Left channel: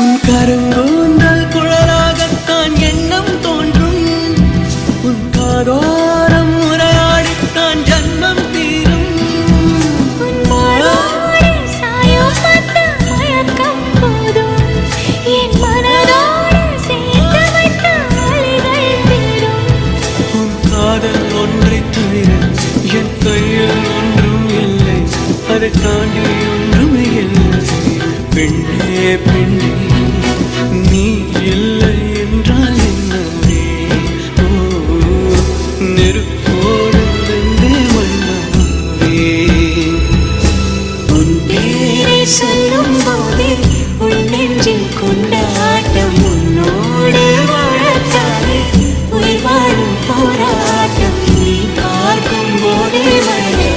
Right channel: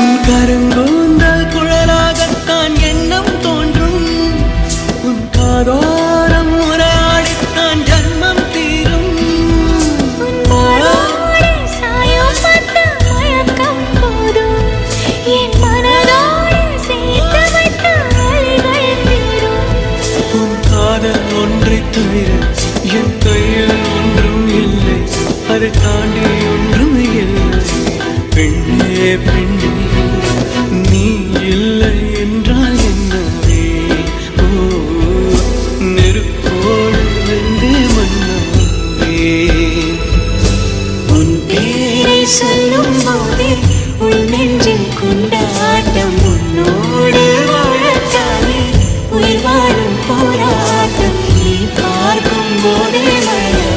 உன் கருங்கூந்தல் குழலாகத்தான் எண்ணம் தோன்றும். உன் காதோரம் உரையாடித்தான் ஜன்மம் தீரும். என் மனதோடு சேர்த்து வைத்த அலைகள் தீரும். உன் காதல் ஒன்றை தவிர என் கையில் ஒன்றும் இல்லை, அதை தாண்டி ஒன்றும் இல்லை. பெண்ணே பெண்ணே நீ இல்லை என்றால் என்னவே? ஓ நெருப்போடு வெந்தே மண்ணாவே. உன் பேரை சொல்லும் போதே உன் நெஞ்சில் கொண்டாட்டம். உன்னோடு வாழத்தானே உயிர் வாழும் போராட்டம். நீ பார்க்கும் போதே மழை